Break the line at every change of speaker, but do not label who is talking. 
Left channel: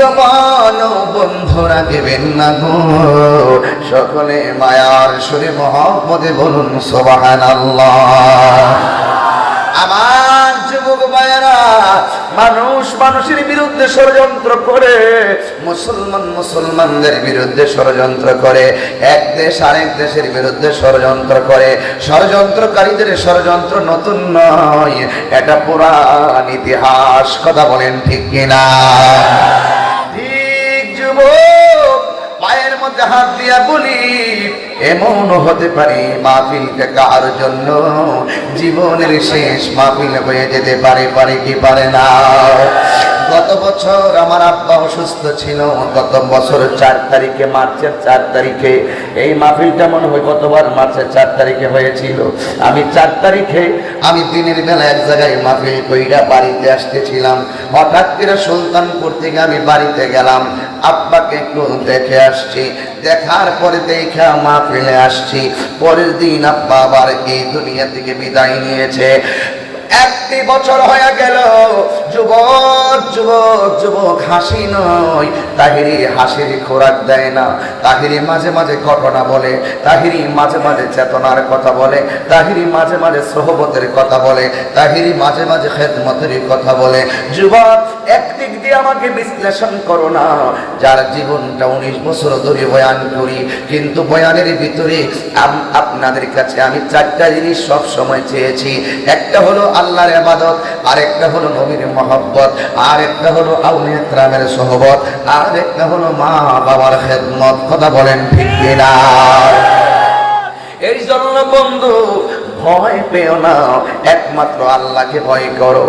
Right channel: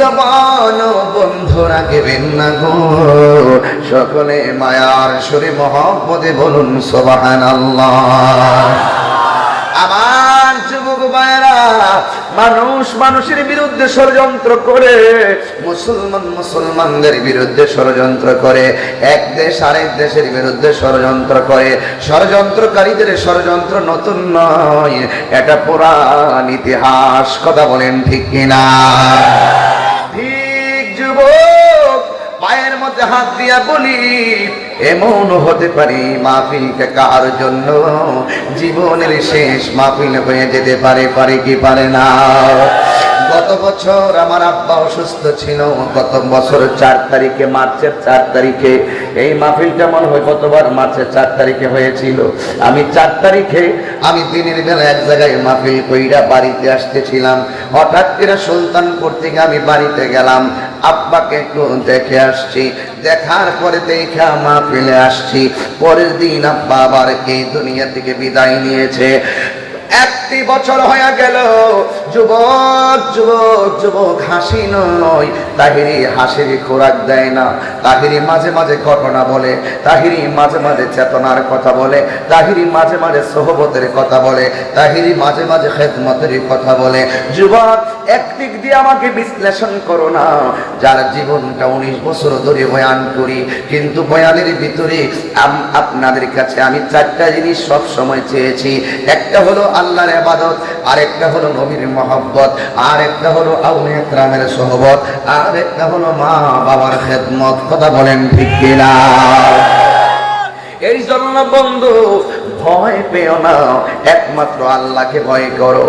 জবান বন্ধু রাখবেন না গো। সকলে মায়ার সুরে মহম্মদে বলুন আল্লাহ আমার যুবক ভাইরা মানুষ মানুষের বিরুদ্ধে ষড়যন্ত্র করে, মুসলমান মুসলমানদের বিরুদ্ধে ষড়যন্ত্র করে, এক দেশ আরেক দেশের বিরুদ্ধে ষড়যন্ত্র করে। ষড়যন্ত্রকারীদের ষড়যন্ত্র নতুন নয়, এটা পুরাণ ইতিহাস, কথা বলেন ঠিক কিনা? হাত দিয়া বলি, এমন হতে পারে মাহফিলকে কার জন্য? জীবনের শেষ মাহফিল হয়ে যেতে পারে পারে কি পারে না? গত বছর আমার আব্বা অসুস্থ ছিল, গত বছর চার তারিখে, মার্চের চার তারিখে, এই মাহফিলটা মনে হয়? কতবার মার্চের চার তারিখে হয়েছিল? আমি চার তারিখে, আমি দিনের বেলা এক জায়গায় মাহফিল কইরা বাড়িতে আসতেছিলাম। হঠাৎ করে সুলতানপুর থেকে আমি বাড়িতে গেলাম। আব্বাকে একটু দেখে আসছি? দেখার পরে দেখা মাহফিলে আসছি। পরের দিন আব্বা আবার এই দুনিয়া থেকে বিদায় নিয়েছে। একটি বছর হয়ে গেল। যুবক যুবক যুবক, হাসি নয়। তাহিরি হাসির খোরাক দেয় না। তাহিরি মাঝে মাঝে ঘটনা বলে। তাহিরি মাঝে মাঝে চেতনার কথা বলে। তাহিরি মাঝে মাঝে সহবতের কথা বলে। তাহিরি মাঝে মাঝে খেদমতের কথা বলে। যুবক একদিক দিয়ে আমাকে বিশ্লেষণ করো না। যার জীবনটা উনিশ বছর ধরে বয়ান করি, কিন্তু বয়ানের ভিতরে আপনাদের কাছে আমি চারটা জিনিস সব সময় চেয়েছি। একটা হলো আল্লাহর আবাদত আরেকটা হলো নবীর মহব্বত আর একটা হলো আউলিয়া গ্রামের সহবত আর একটা হলো মা বাবার খেদমত। কথা বলেন ঠিক কিনা? এই জন্য বন্ধু, ভয় পেও না। একমাত্র আল্লাহকে ভয় করো।